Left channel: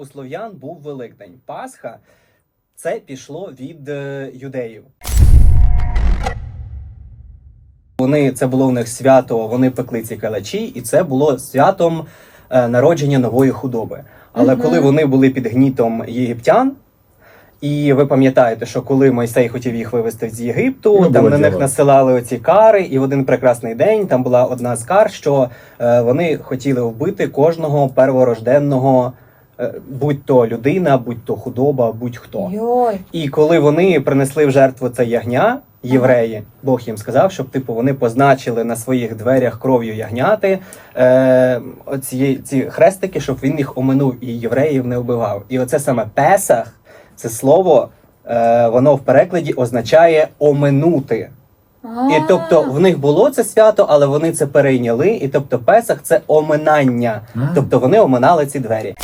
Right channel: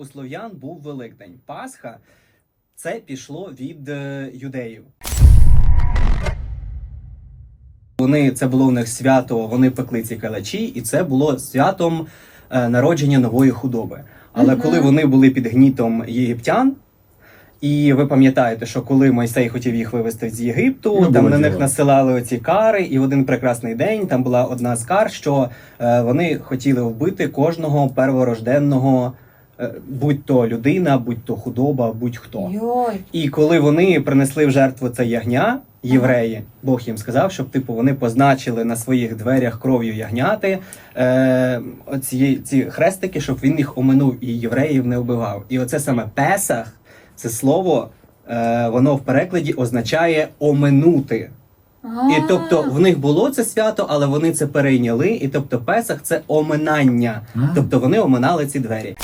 У слов'ян був Великдень. Пасха це пішло від е, юдеїв. Вони це було в них свято, вони пекли ці калачі, і це було святом е, народження нової худоби. Але Мгм. коли вони були під гнітом єгиптян, і ви пам'ятаєте, що коли Мойсей хотів їх вивезти з Єгипту, Ну, там на них насилали оці кари, і в один прекрасний день там була одна з кар, що е, вони хотіли вбити кожного перворожденного, е, будь то людина, будь то худоба, будь-хто. Йой. І коли вони принесли в жертву це ягня, євреї, Бог їм сказав, щоб типу вони позначили на своїх дверях кров'ю ягняти е, оці, ці хрестики, щоб він їх оминув і євреїв не вбивав. І оце саме Песах, це слово, е, воно в перекладі означає оминути. І тобто в них було це свято, але вони це перейняли. І тобто Песах це оминання. Тобто вони оминали ці двері.